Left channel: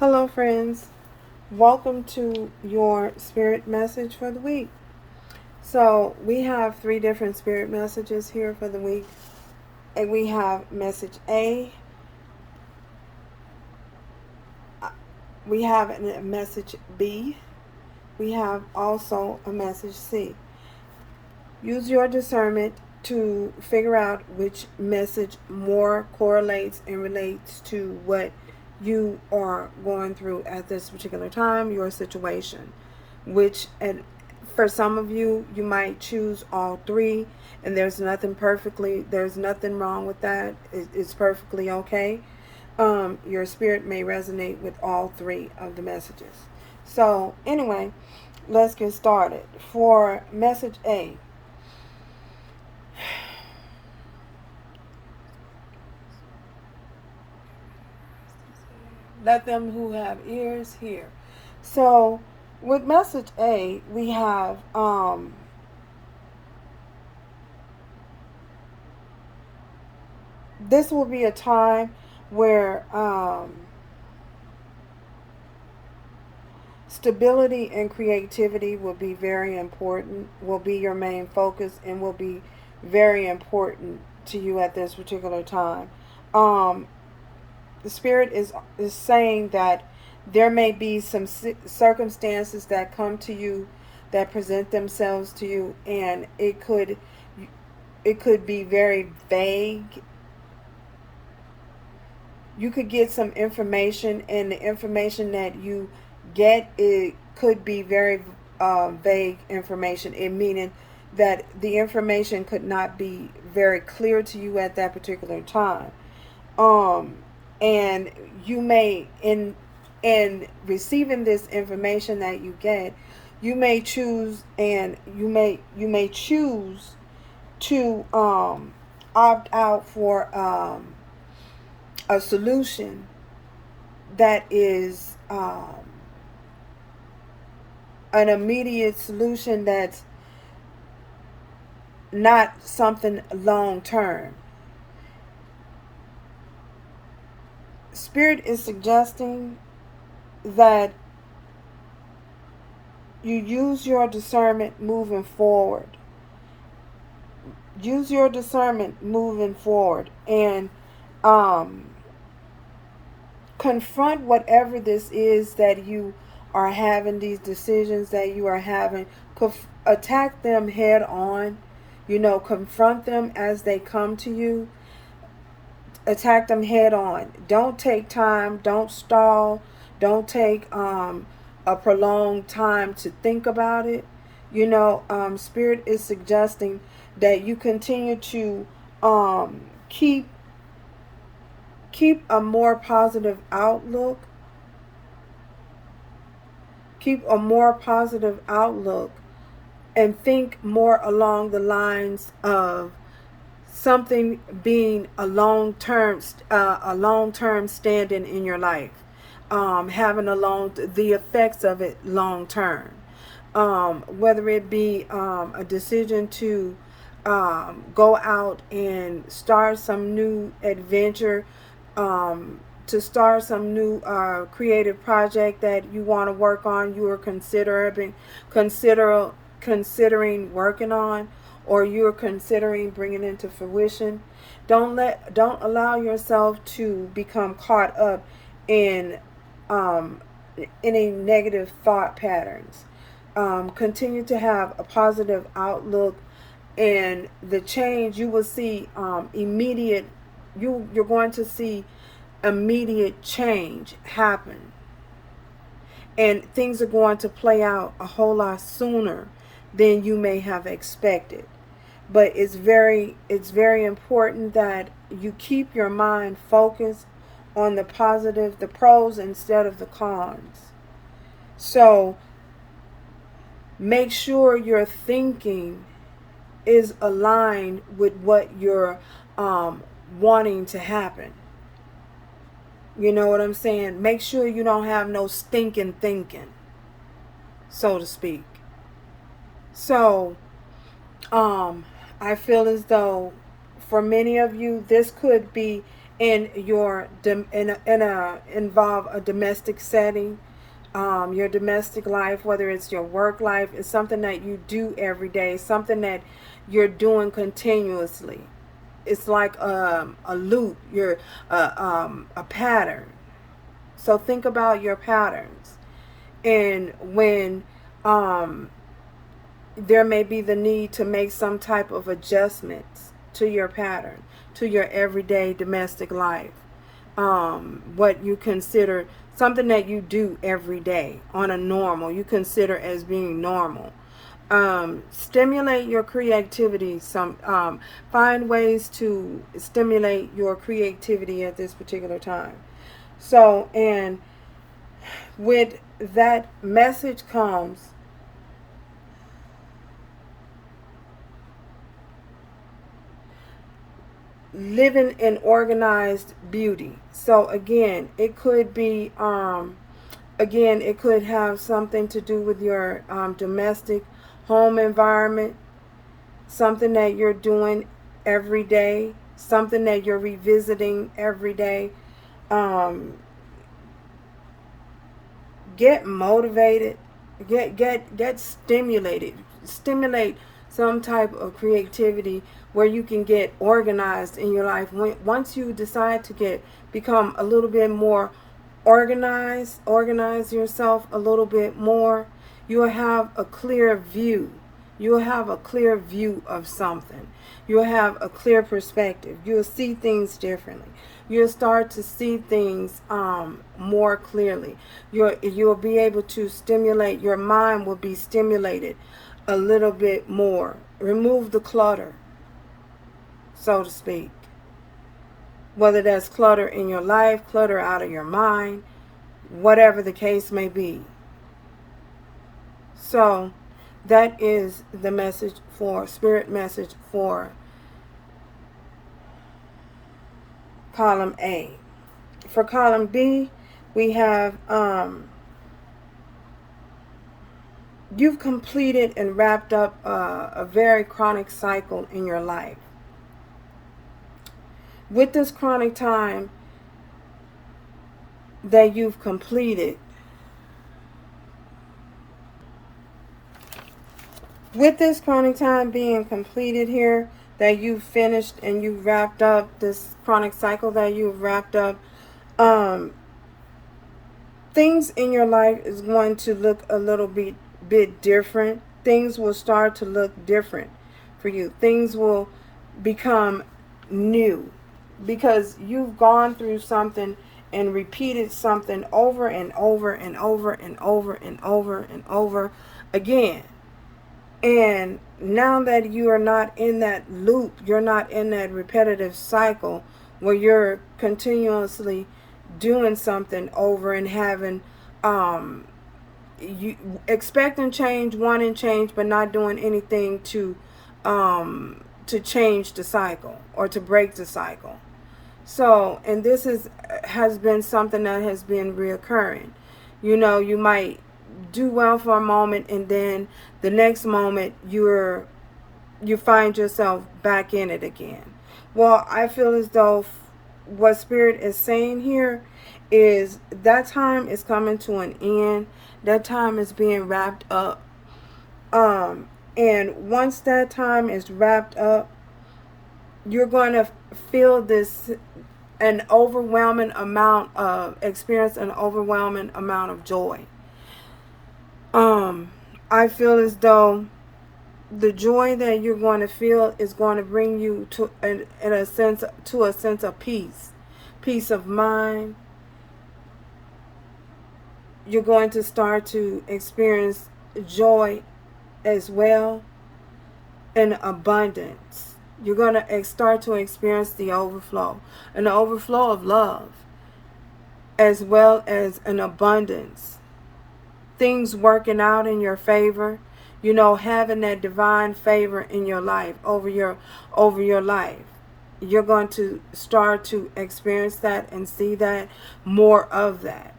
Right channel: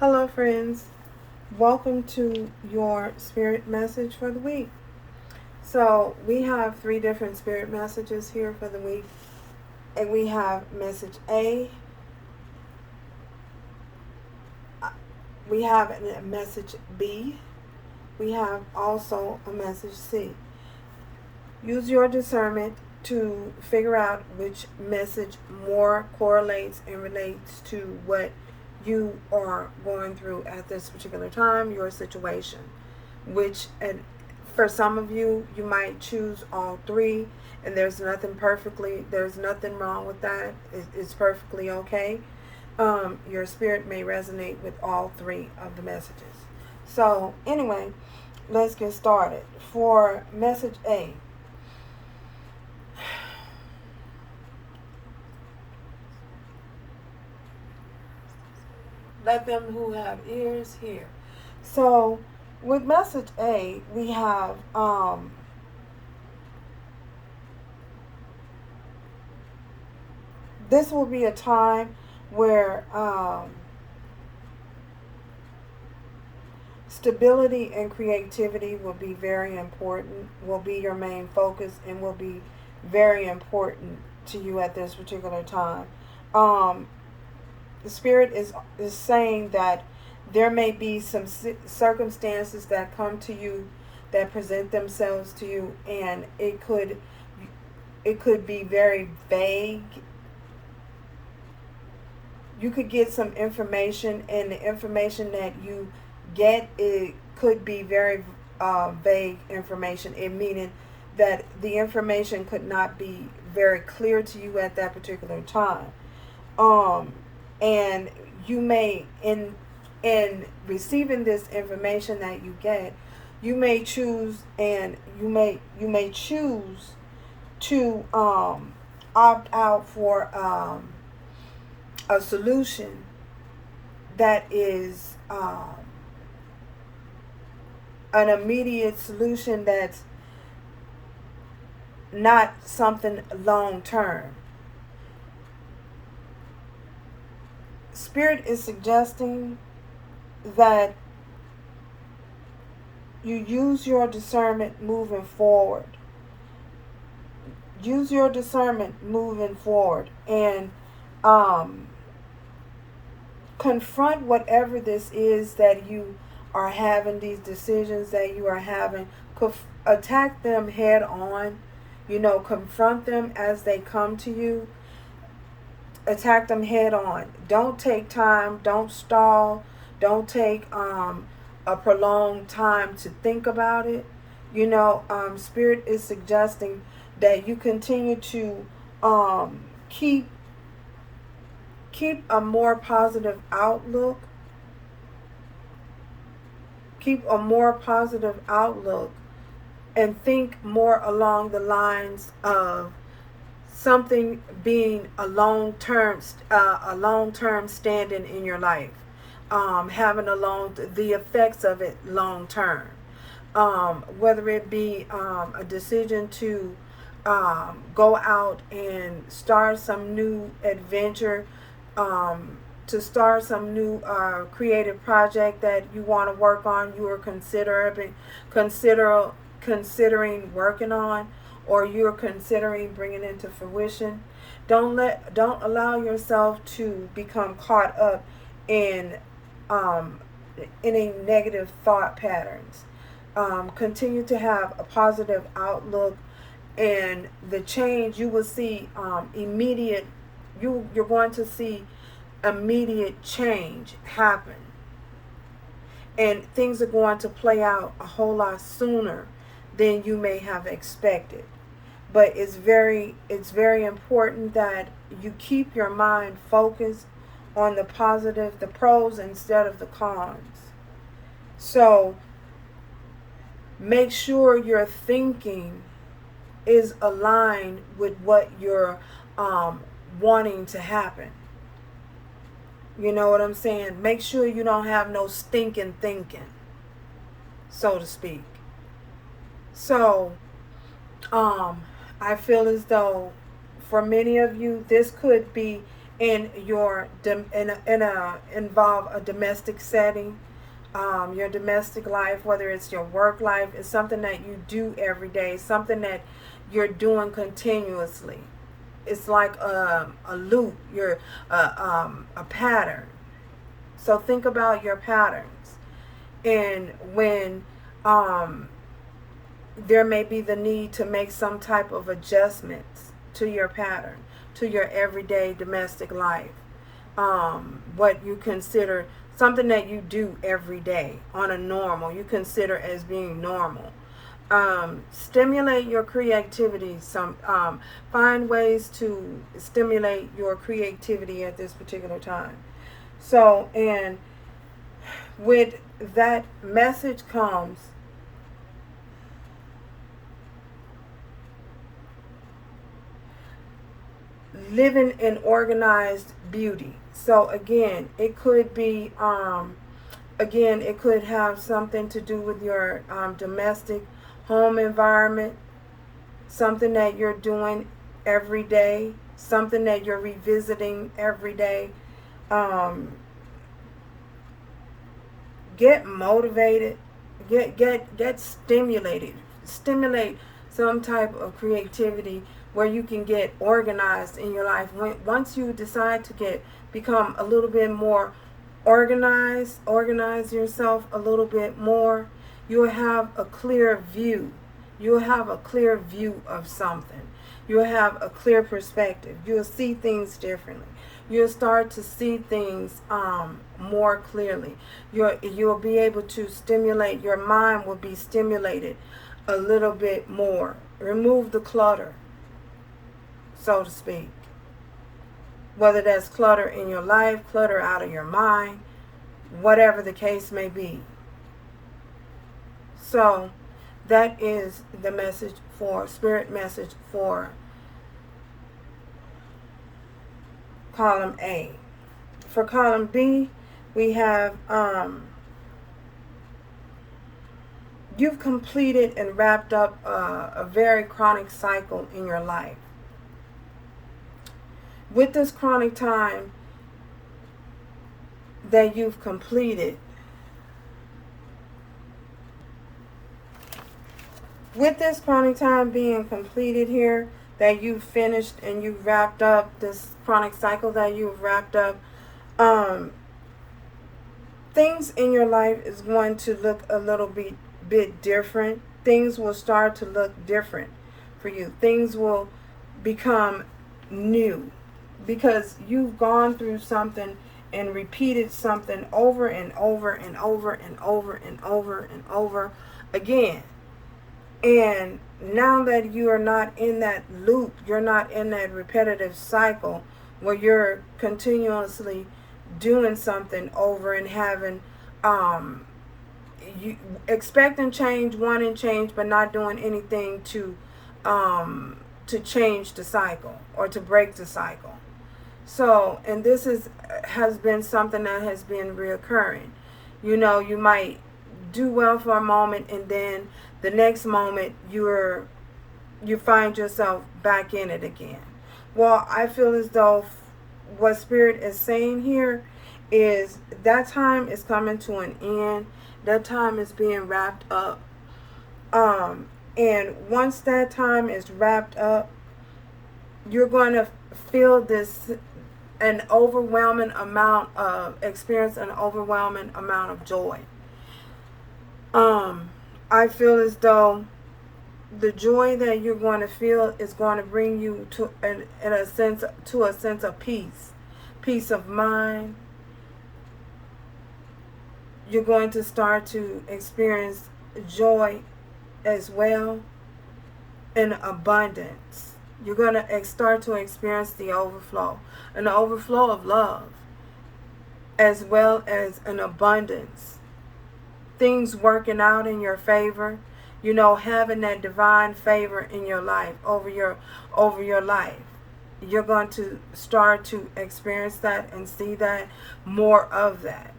Hello, friends. Welcome to your spirit message for the week. So, we have three different spirit messages here for the week, and we have message A, we have a message B, we have also a message C. Use your discernment to figure out which message more correlates and relates to what you are going through at this particular time, your situation. Which, and for some of you, you might choose all three, and there's nothing wrong with that. It's perfectly okay. Your spirit may resonate with all three of the messages. So, anyway, let's get started. For message A, let them who have ears hear. So, with message A, we have this will be a time where stability and creativity will be very important, will be your main focus, and will be very important to you at this particular time. The Spirit is saying that there may be some circumstances that come to you, that present themselves to you, and it could be very vague. You could get some information, and the information that you get, it could be very vague information, it meaning that the information could not be very clear to you at that particular time. And you may, in receiving this information that you get, you may choose, and you may choose to opt out for a solution that is an immediate solution, that's not something long term. Spirit is suggesting that you use your discernment moving forward. Use your discernment moving forward, and confront whatever this is that you are having, these decisions that you are having. Attack them head on. Confront them as they come to you. Attack them head on. Don't take time. Don't stall. Don't take a prolonged time to think about it. Spirit is suggesting that you continue to keep a more positive outlook. Keep a more positive outlook, and think more along the lines of something being a long-term standing in your life, having the effects of it long term, whether it be a decision to go out and start some new adventure, to start some new creative project that you want to work on, you are considering working on, or you're considering bringing into fruition. Don't allow yourself to become caught up in any negative thought patterns. Continue to have a positive outlook, and the change you will see immediate. You're going to see immediate change happen, and things are going to play out a whole lot sooner than you may have expected. But it's very important that you keep your mind focused on the positive, the pros, instead of the cons. So make sure your thinking is aligned with what you're wanting to happen. You know what I'm saying? Make sure you don't have no stinking thinking, so to speak. So, I feel as though for many of you, this could be in your involve a domestic setting, your domestic life, whether it's your work life, is something that you do every day, something that you're doing continuously. It's like a loop, a pattern. So think about your patterns, and when um, there may be the need to make some type of adjustments to your pattern, to your everyday domestic life. What you consider something that you do every day on a normal, you consider as being normal. Stimulate your creativity. Find ways to stimulate your creativity at this particular time. So, and with that message comes living in organized beauty. So again, it could be again, it could have something to do with your domestic home environment, something that you're doing every day, something that you're revisiting every day. um, get motivated, get stimulated, stimulate some type of creativity where you can get organized in your life. Once you decide to become a little bit more organize yourself a little bit more, you'll have a clear view. You'll have a clear view of something. You'll have a clear perspective. You'll see things differently. You'll start to see things more clearly. You'll be able to stimulate. Your mind will be stimulated a little bit more. Remove the clutter, so to speak. Whether that's clutter in your life, clutter out of your mind, whatever the case may be. So that is the message for spirit message for column A. For column B, we have you've completed and wrapped up a very chronic cycle in your life. With this chronic time that you've completed, with this chronic time being completed here, that you've finished and you've wrapped up this chronic cycle that you've wrapped up, things in your life is going to look a little bit different. Things will start to look different for you. Things will become new because you've gone through something and repeated something over and over and over and over and over and over again. And now that you are not in that loop, you're not in that repetitive cycle where you're continuously doing something over and having you expecting change, wanting change, but not doing anything to change the cycle or to break the cycle. So, and this has been something that has been reoccurring. You know, you might do well for a moment, and then the next moment you find yourself back in it again. Well, I feel as though what Spirit is saying here is that time is coming to an end. That time is being wrapped up. And once that time is wrapped up, you're going to feel an overwhelming amount of experience, an overwhelming amount of joy. I feel as though the joy that you're going to feel is going to bring you to a sense of peace of mind. You're going to start to experience joy as well, and abundance. You're going to start to experience the overflow, an overflow of love, as well as an abundance. Things working out in your favor, you know, having that divine favor in your life, over your life. You're going to start to experience that and see that, more of that,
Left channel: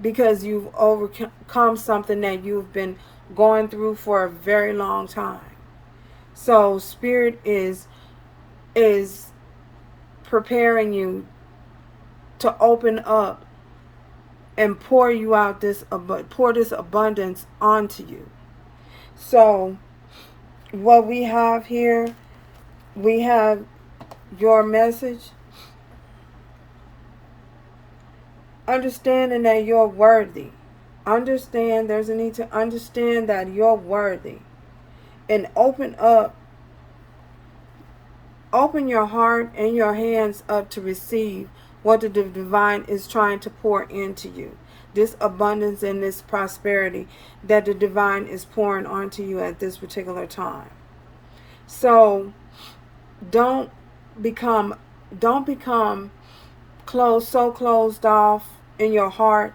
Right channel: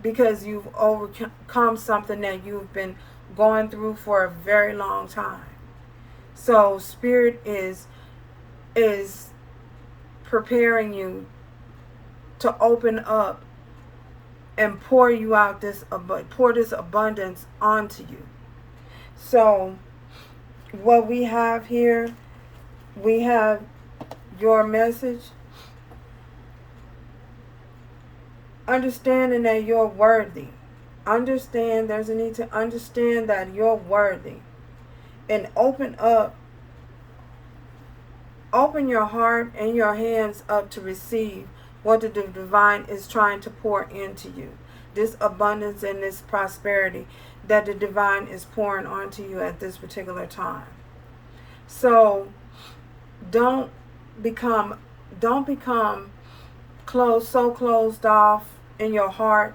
because you've overcome something that you've been going through for a very long time. So Spirit is preparing you to open up and pour you out pour this abundance onto you. So what we have here, we have your message. Understanding that you're worthy. There's a need to understand that you're worthy. And open your heart and your hands up to receive what the divine is trying to pour into you. This abundance and this prosperity that the divine is pouring onto you at this particular time. So don't become closed off in your heart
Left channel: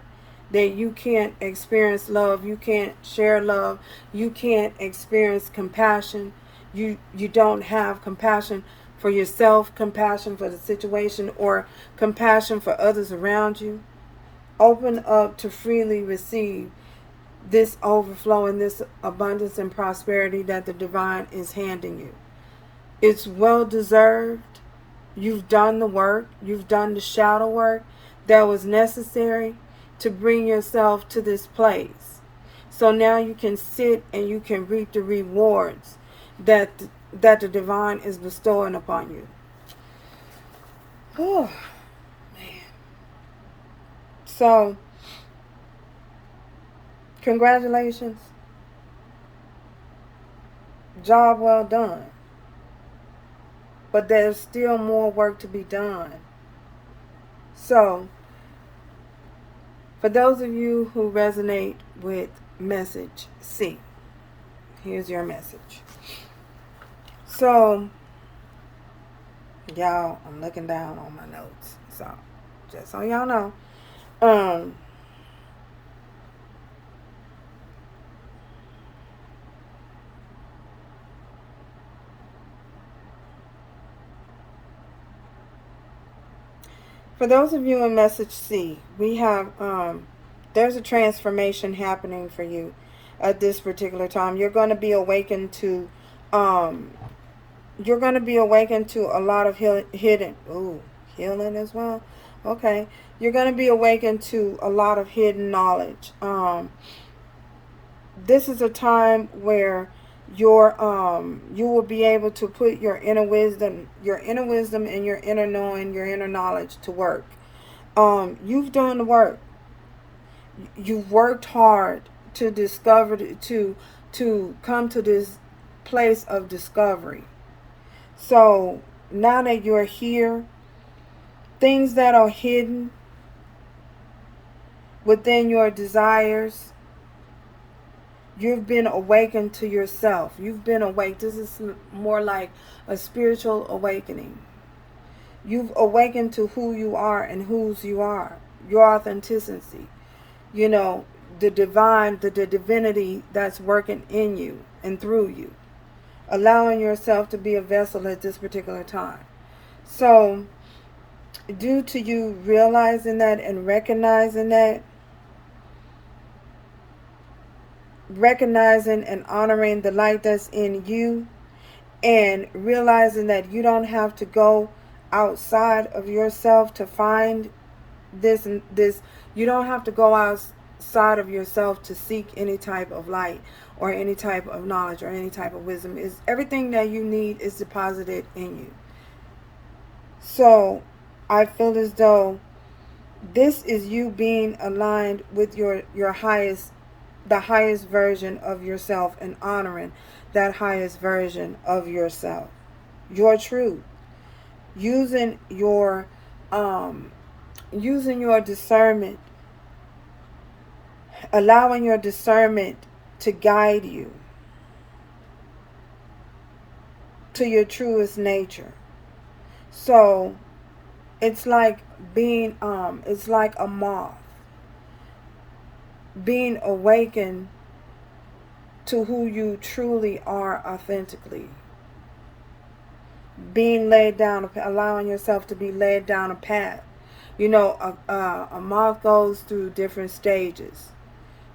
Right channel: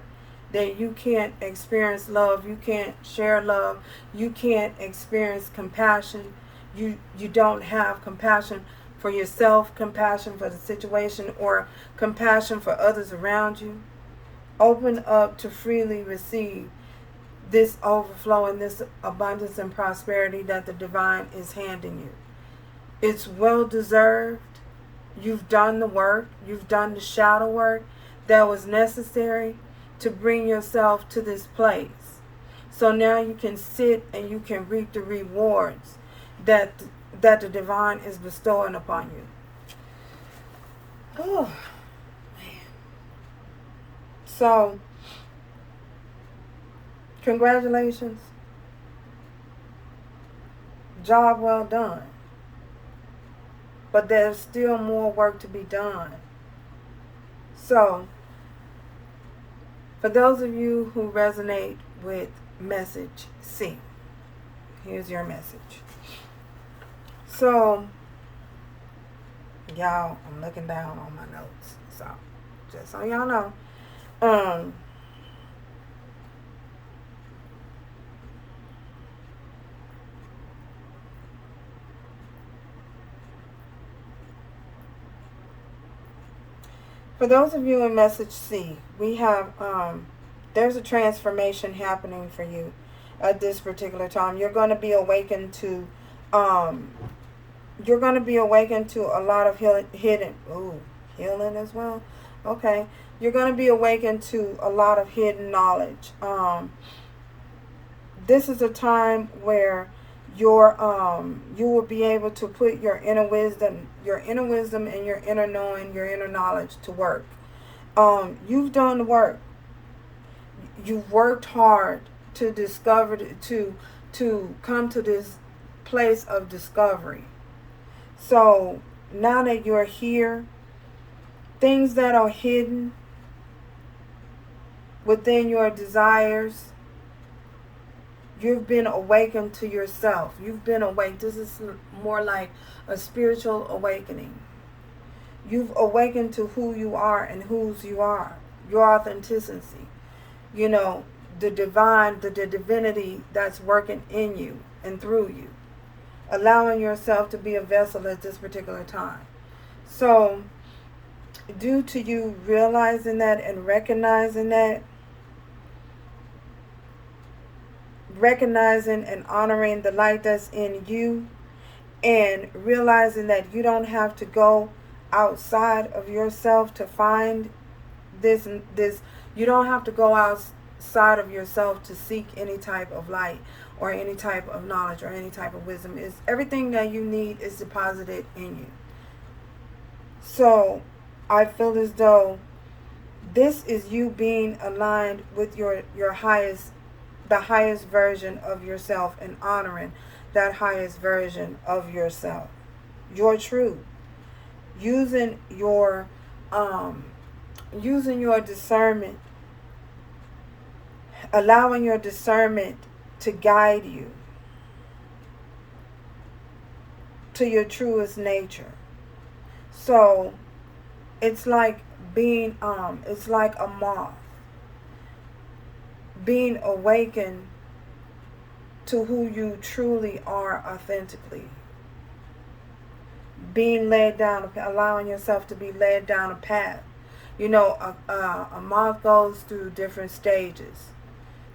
that you can't experience love, you can't share love, you can't experience compassion. You don't have compassion for yourself, compassion for the situation, or compassion for others around you. Open up to freely receive this overflow and this abundance and prosperity that the divine is handing you. It's well deserved. You've done the work. You've done the shadow work that was necessary to bring yourself to this place. So now you can sit and you can reap the rewards that the divine is bestowing upon you. Oh, man. So, congratulations. Job well done. But there's still more work to be done. So, for those of you who resonate with message C, here's your message. So, y'all, I'm looking down on my notes. So, just so y'all know, for those of you in message C, we have, there's a transformation happening for you at this particular time. You're going to be awakened to, a lot of healing as well. Okay. You're going to be awakened to a lot of hidden knowledge. This is a time where you will be able to put your inner wisdom and your inner knowing, your inner knowledge to work. You've done the work. You've worked hard to discover, to come to this place of discovery. So now that you're here, things that are hidden within your desires, you've been awakened to yourself. You've been awake. This is more like a spiritual awakening. You've awakened to who you are and whose you are. Your authenticity. You know, the divine, the divinity that's working in you and through you. Allowing yourself to be a vessel at this particular time. So, due to you realizing that and recognizing that, recognizing and honoring the light that's in you, and realizing that you don't have to go outside of yourself to find this, you don't have to go outside of yourself to seek any type of light or any type of knowledge or any type of wisdom. Is everything that you need is deposited in you. So I feel as though this is you being aligned with your highest, the highest version of yourself, and honoring that highest version of yourself, your truth, using your discernment, allowing your discernment to guide you to your truest nature. So it's like it's like a moth being awakened to who you truly are authentically. Being led down, allowing yourself to be led down a path. You know, a moth goes through different stages.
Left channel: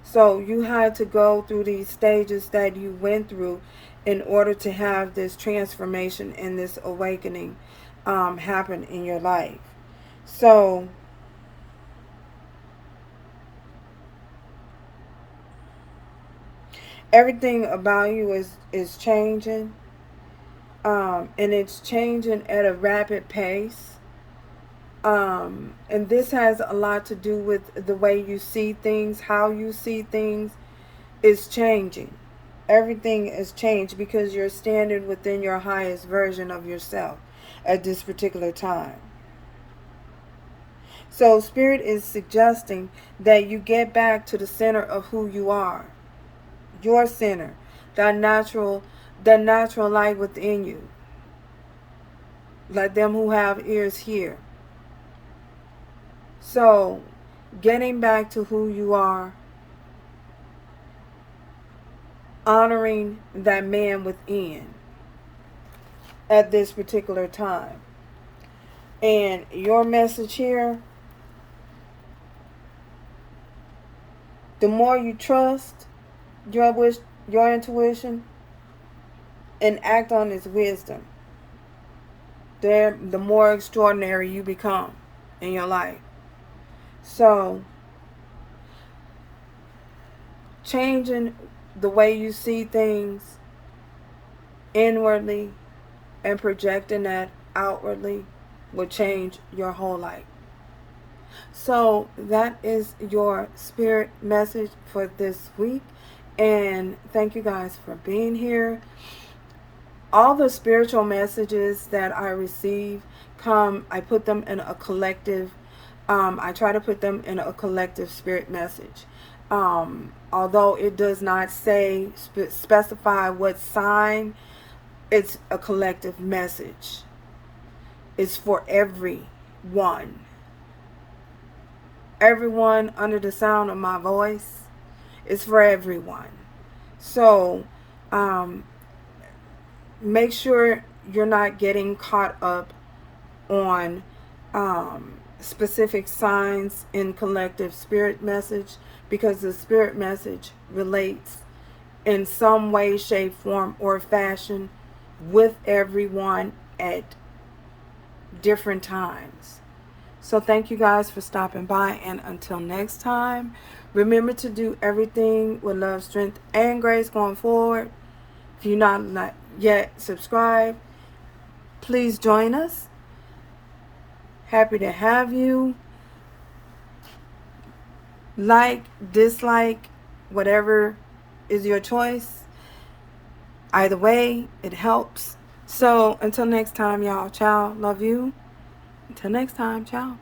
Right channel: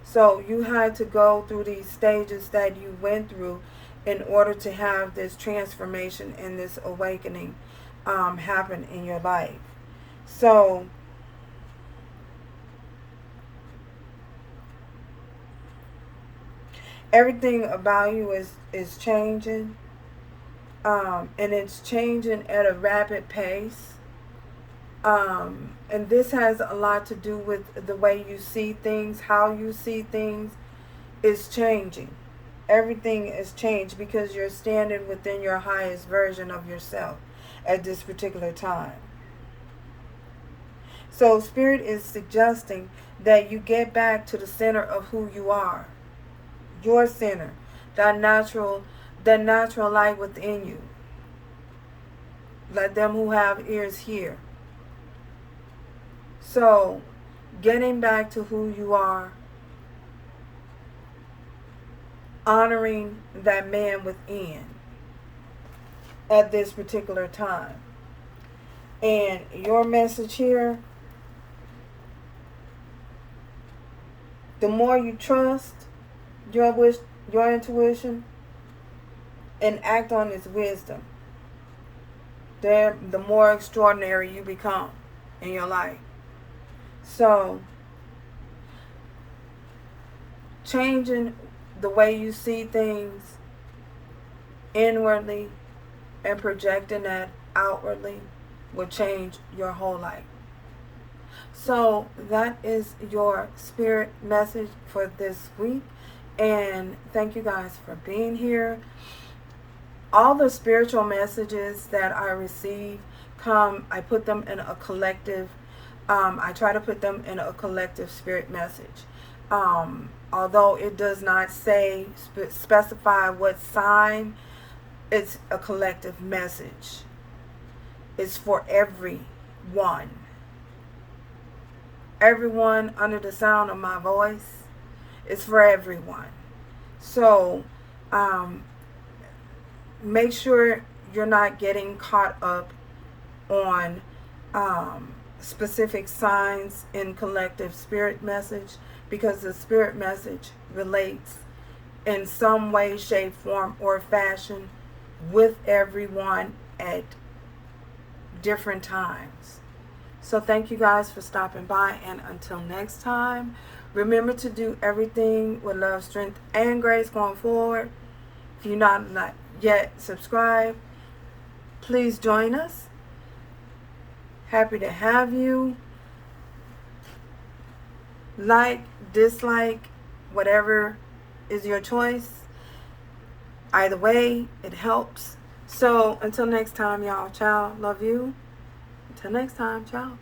So you had to go through these stages that you went through in order to have this transformation and this awakening happen in your life. So everything about you is changing, and it's changing at a rapid pace. And this has a lot to do with the way you see things, how you see things is changing. Everything is changed because you're standing within your highest version of yourself at this particular time. So Spirit is suggesting that you get back to the center of who you are. Your center. That natural light within you. Let them who have ears hear. So, getting back to who you are, honoring that man within at this particular time. And your message here, the more you trust your intuition and act on its wisdom, the more extraordinary you become in your life. So, changing the way you see things inwardly and projecting that outwardly will change your whole life. So that is your spirit message for this week. And thank you guys for being here. All the spiritual messages that I receive I put them in a collective, I try to put them in a collective spirit message. Although it does not specify what sign, it's a collective message. It's for everyone. Everyone under the sound of my voice. It's for everyone. So, make sure you're not getting caught up on specific signs in collective spirit message, because the spirit message relates in some way, shape, form, or fashion with everyone at different times. So thank you guys for stopping by, and until next time, remember to do everything with love, strength, and grace going forward. If you're not yet subscribed, please join us. Happy to have you. Like, dislike, whatever is your choice. Either way, it helps. So until next time, y'all. Ciao. Love you. Until next time. Ciao.